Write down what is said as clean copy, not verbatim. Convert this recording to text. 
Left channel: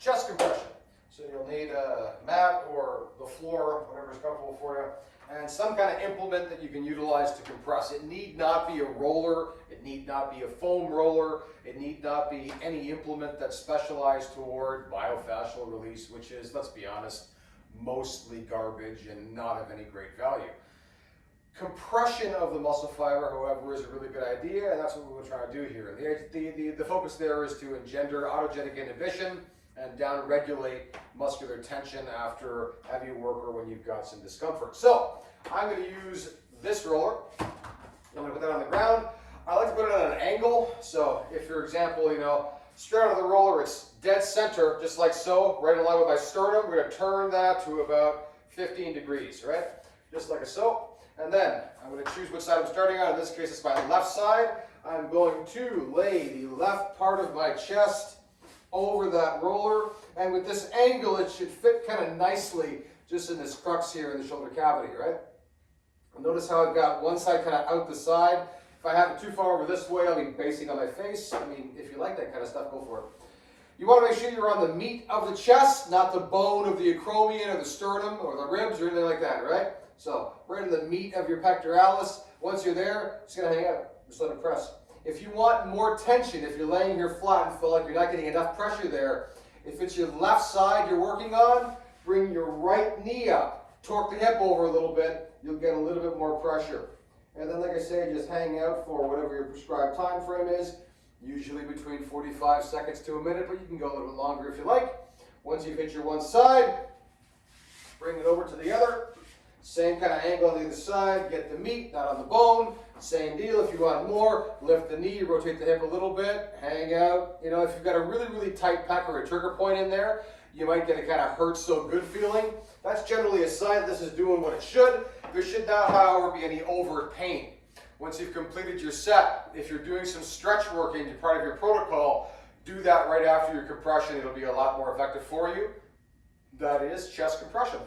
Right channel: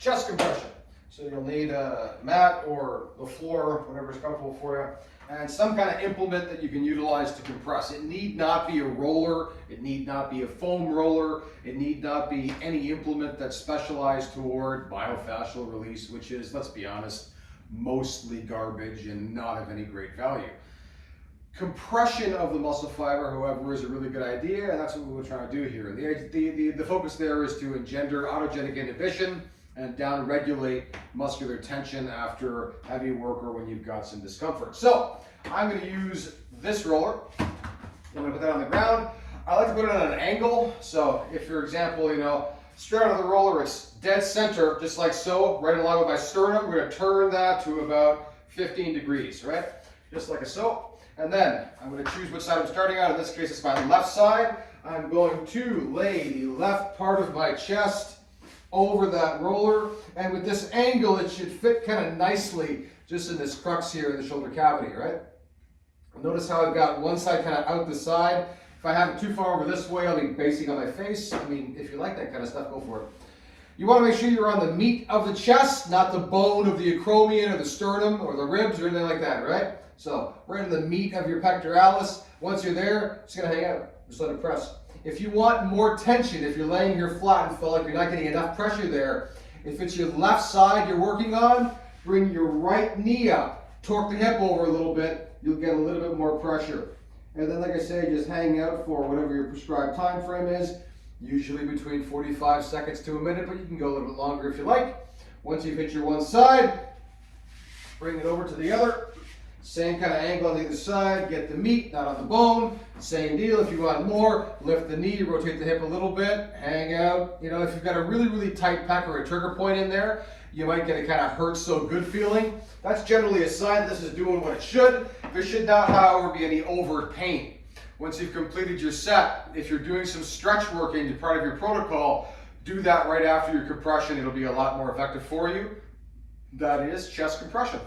chest compression. So you'll need a mat or the floor, whatever's comfortable for you, and some kind of implement that you can utilize to compress. It need not be a roller, it need not be a foam roller, it need not be any implement that's specialized toward myofascial release, which is, let's be honest, mostly garbage and not of any great value. Compression of the muscle fiber, however, is a really good idea, and that's what we're trying to do here. The focus there is to engender autogenic inhibition and down-regulate muscular tension after heavy work or when you've got some discomfort. So I'm going to use this roller. I'm going to put that on the ground. I like to put it at an angle. So if, for example, straight out of the roller, it's dead center, just like so, right along with my sternum. We're going to turn that to about 15 degrees, right? Just like so. And then I'm going to choose which side I'm starting on. In this case, it's my left side. I'm going to lay the left part of my chest over that roller, and with this angle it should fit kind of nicely just in this crux here in the shoulder cavity, right? Notice how I've got one side kind of out the side. If I have it too far over this way, I'll be basing on my face. I mean, if you like that kind of stuff, go for it. You want to make sure you're on the meat of the chest, not the bone of the acromion or the sternum or the ribs or anything like that, right? So right in the meat of your pectoralis. Once you're there, it's going to hang out. Just let it press. If you want more tension, if you're laying here flat and feel like you're not getting enough pressure there, if it's your left side you're working on, bring your right knee up. Torque the hip over a little bit, you'll get a little bit more pressure. And then, like I say, just hang out for whatever your prescribed time frame is, usually between 45 seconds to a minute, but you can go a little bit longer if you like. Once you've hit your one side, bring it over to the other. Same kind of angle on the other side, get the meat, not on the bone. Same deal, if you want more, lift the knee, rotate the hip a little bit, hang out. If you've got a really, really tight pec or a trigger point in there, you might get a kind of hurt so good feeling. That's generally a sign this is doing what it should. There should not, however, be any overt pain. Once you've completed your set, if you're doing some stretch work in part of your protocol, do that right after your compression. It'll be a lot more effective for you. That is chest compression.